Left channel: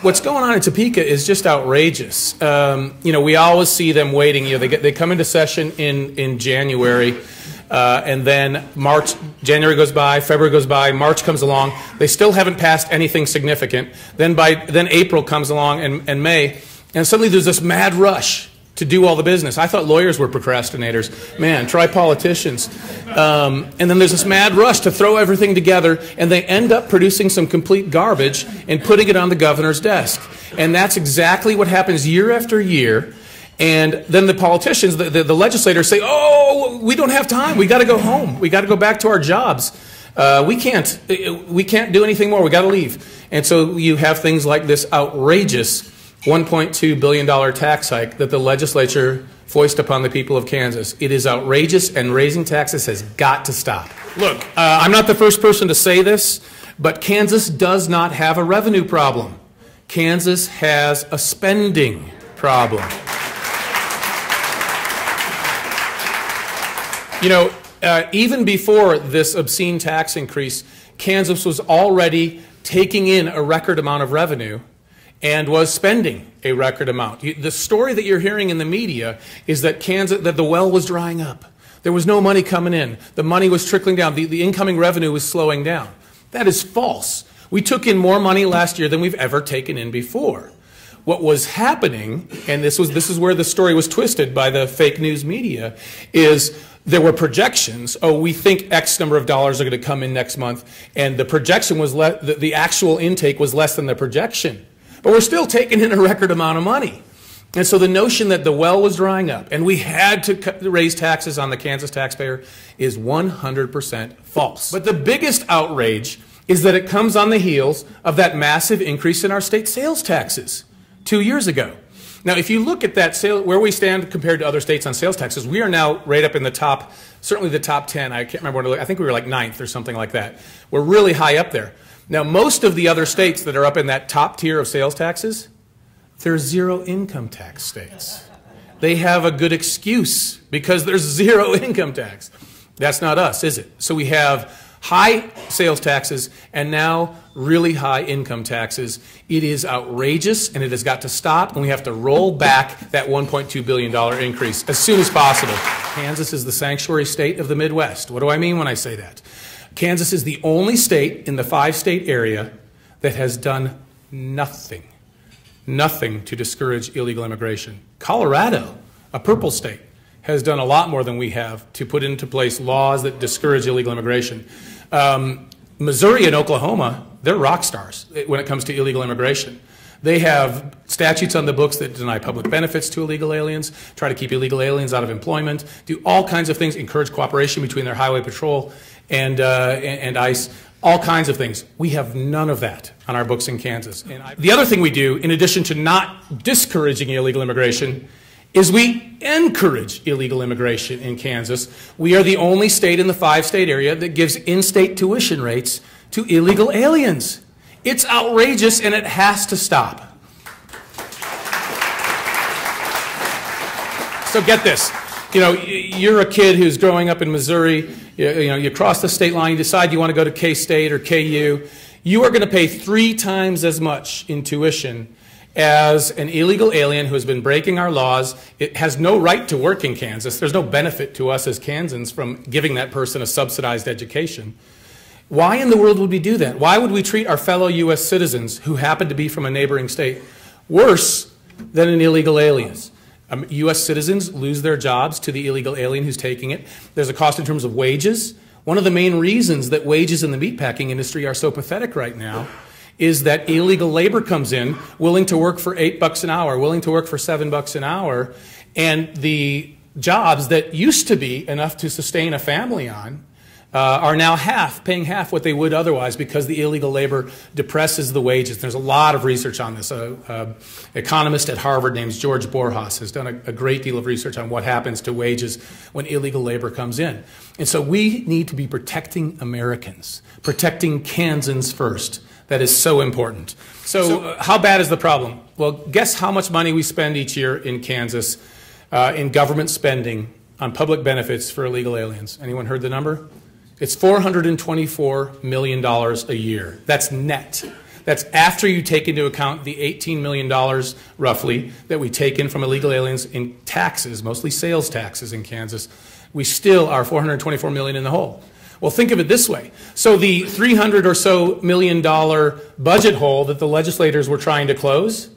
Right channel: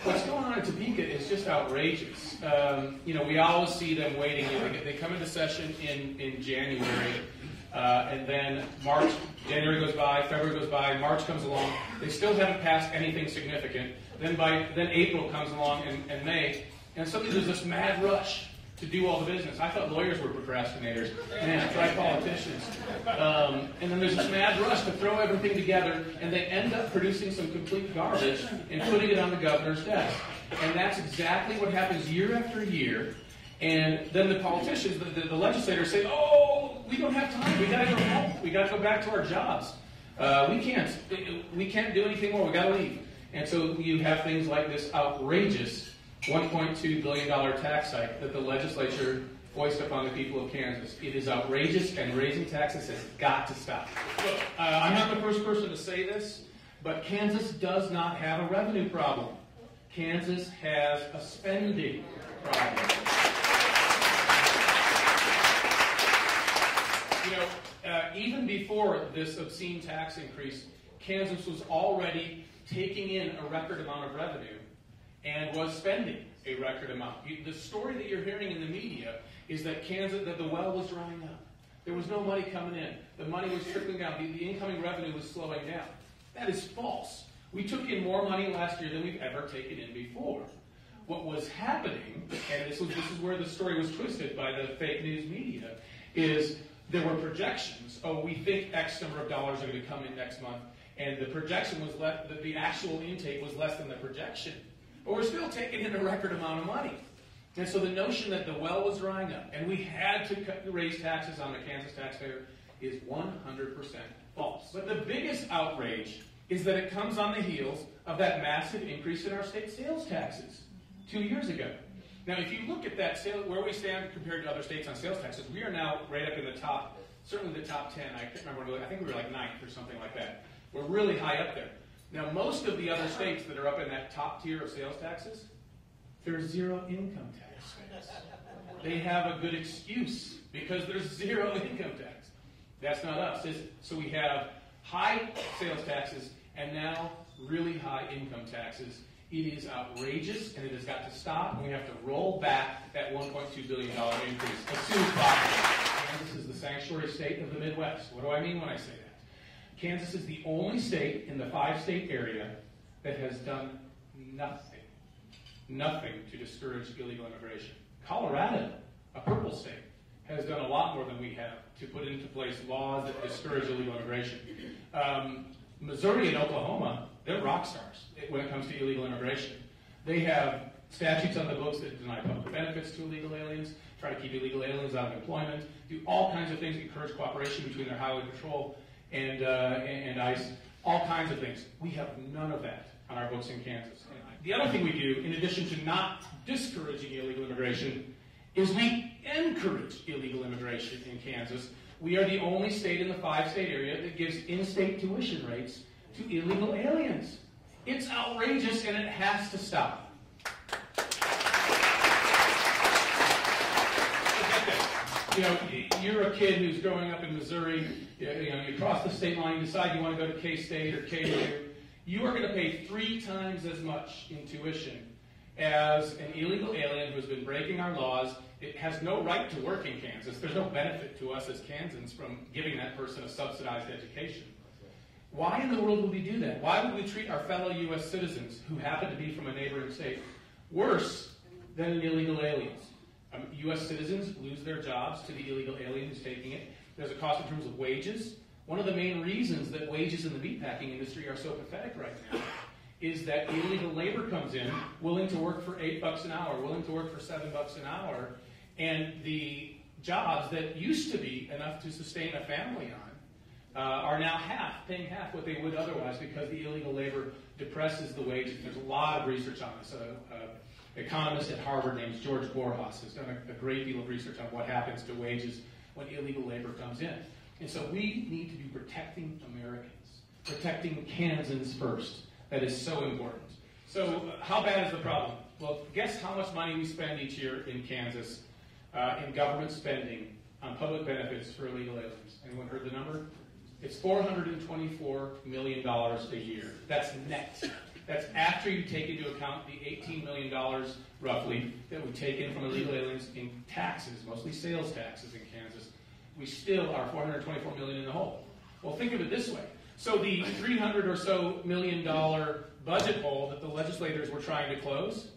What's going on in Topeka is just outrageous. We always see them waiting. They come into session in January, and then January goes by, February goes by, March comes along. They still haven't passed anything significant. Then April comes along and May, and suddenly there's this mad rush to do all the business. I thought lawyers were procrastinators. Man, try politicians. And then there's this mad rush to throw everything together, and they end up producing some complete garbage and putting it on the governor's desk. And that's exactly what happens year after year. And then the politicians, the legislators say, oh, we don't have time. We got to go home. We got to go back to our jobs. We can't do anything more. We got to leave. And so you have things like this outrageous $1.2 billion tax hike that the legislature foisted upon the people of Kansas. It is outrageous, and raising taxes has got to stop. Look, I'm not the first person to say this, but Kansas does not have a revenue problem. Kansas has a spending problem. Even before this obscene tax increase, Kansas was already taking in a record amount of revenue and was spending a record amount. The story that you're hearing in the media is that that the well was drying up. There was no money coming in. The money was trickling down. The incoming revenue was slowing down. That is false. We took in more money last year than we've ever taken in before. What was happening, and this is where the story was twisted by the fake news media, is there were projections. Oh, we think X number of dollars are going to come in next month, and the projection was the actual intake was less than the projection. But we're still taking in a record amount of money. And so the notion that the well was drying up and we had to raise taxes on the Kansas taxpayer is 100% false. But the biggest outrage is that it comes on the heels of that massive increase in our state sales taxes 2 years ago. Now, if you look at that where we stand compared to other states on sales taxes, we are now right up in the top, certainly the top 10. I can't remember I think we were like 9th or something like that. We're really high up there. Now, most of the other states that are up in that top tier of sales taxes, they're zero income tax states. They have a good excuse because there's zero income tax. That's not us, is it? So we have high sales taxes and now really high income taxes. It is outrageous, and it has got to stop, and we have to roll back that $1.2 billion increase as soon as possible. Kansas is the sanctuary state of the Midwest. What do I mean when I say that? Kansas is the only state in the 5-state area that has done nothing to discourage illegal immigration. Colorado, a purple state, has done a lot more than we have to put into place laws that discourage illegal immigration. Missouri and Oklahoma, they're rock stars when it comes to illegal immigration. They have statutes on the books that deny public benefits to illegal aliens, try to keep illegal aliens out of employment, do all kinds of things, encourage cooperation between their highway patrol and ICE, all kinds of things. We have none of that on our books in Kansas. And the other thing we do, in addition to not discouraging illegal immigration, is we encourage illegal immigration in Kansas. We are the only state in the 5-state area that gives in-state tuition rates to illegal aliens. It's outrageous, and it has to stop. So get this. You're a kid who's growing up in Missouri. You cross the state line, you decide you want to go to K-State or KU. You are going to pay 3 times as much in tuition as an illegal alien who has been breaking our laws. It has no right to work in Kansas. There's no benefit to us as Kansans from giving that person a subsidized education. Why in the world would we do that? Why would we treat our fellow U.S. citizens who happen to be from a neighboring state worse than an illegal alien? U.S. citizens lose their jobs to the illegal alien who's taking it. There's a cost in terms of wages. One of the main reasons that wages in the meatpacking industry are so pathetic right now is that illegal labor comes in willing to work for $8 an hour, willing to work for $7 an hour, and the jobs that used to be enough to sustain a family on are now paying half what they would otherwise because the illegal labor depresses the wages. There's a lot of research on this. An economist at Harvard named George Borjas has done a great deal of research on what happens to wages when illegal labor comes in. And so we need to be protecting Americans, protecting Kansans first. That is so important. So how bad is the problem? Well, guess how much money we spend each year in Kansas in government spending on public benefits for illegal aliens. Anyone heard the number? It's $424 million a year. That's net. That's after you take into account the $18 million, roughly, that we take in from illegal aliens in taxes, mostly sales taxes in Kansas. We still are $424 million in the hole. Well, think of it this way. So the $300 or so million budget hole that the legislators were trying to close,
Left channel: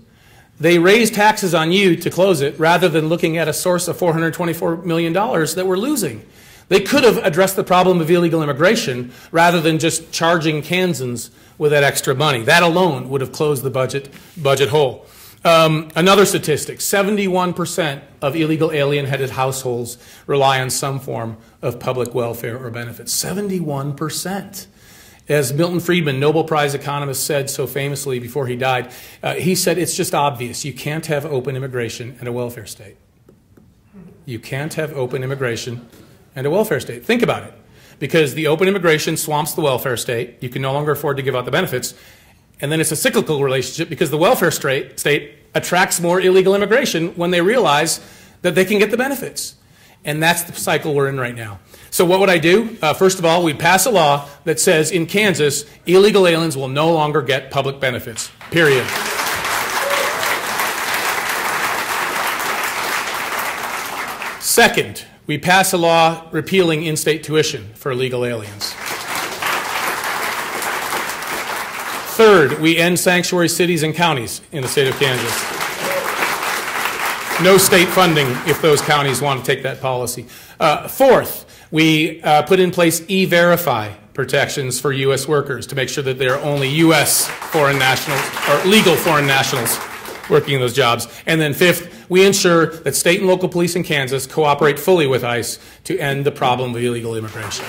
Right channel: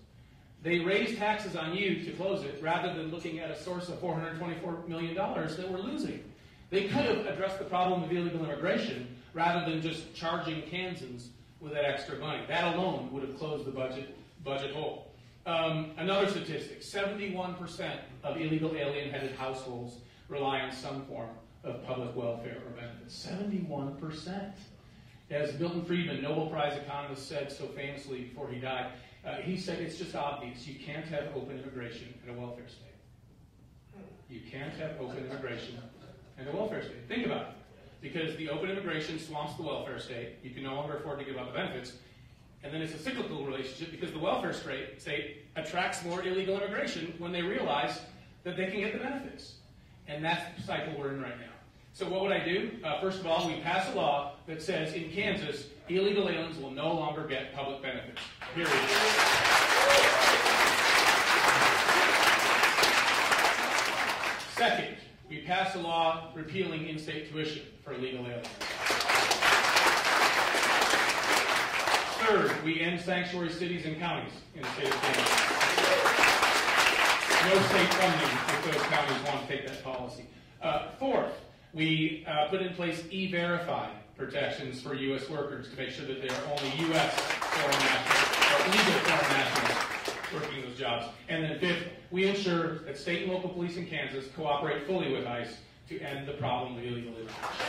they raised taxes on you to close it rather than looking at a source of $424 million that we're losing. They could have addressed the problem of illegal immigration rather than just charging Kansans with that extra money. That alone would have closed the budget hole. Another statistic, 71% of illegal alien-headed households rely on some form of public welfare or benefits. 71%. As Milton Friedman, Nobel Prize economist, said so famously before he died, he said it's just obvious. You can't have open immigration and a welfare state. You can't have open immigration and a welfare state. Think about it. Because the open immigration swamps the welfare state. You can no longer afford to give out the benefits. And then it's a cyclical relationship because the welfare state attracts more illegal immigration when they realize that they can get the benefits. And that's the cycle we're in right now. So what would I do? First of all, we'd pass a law that says in Kansas, illegal aliens will no longer get public benefits, period. Second, we pass a law repealing in-state tuition for illegal aliens. Third, we end sanctuary cities and counties in the state of Kansas. No state funding if those counties want to take that policy. Fourth, we put in place E-Verify protections for U.S. workers to make sure that there are only U.S. foreign nationals or legal foreign nationals working in those jobs. And then fifth, we ensure that state and local police in Kansas cooperate fully with ICE to end the problem of illegal immigration.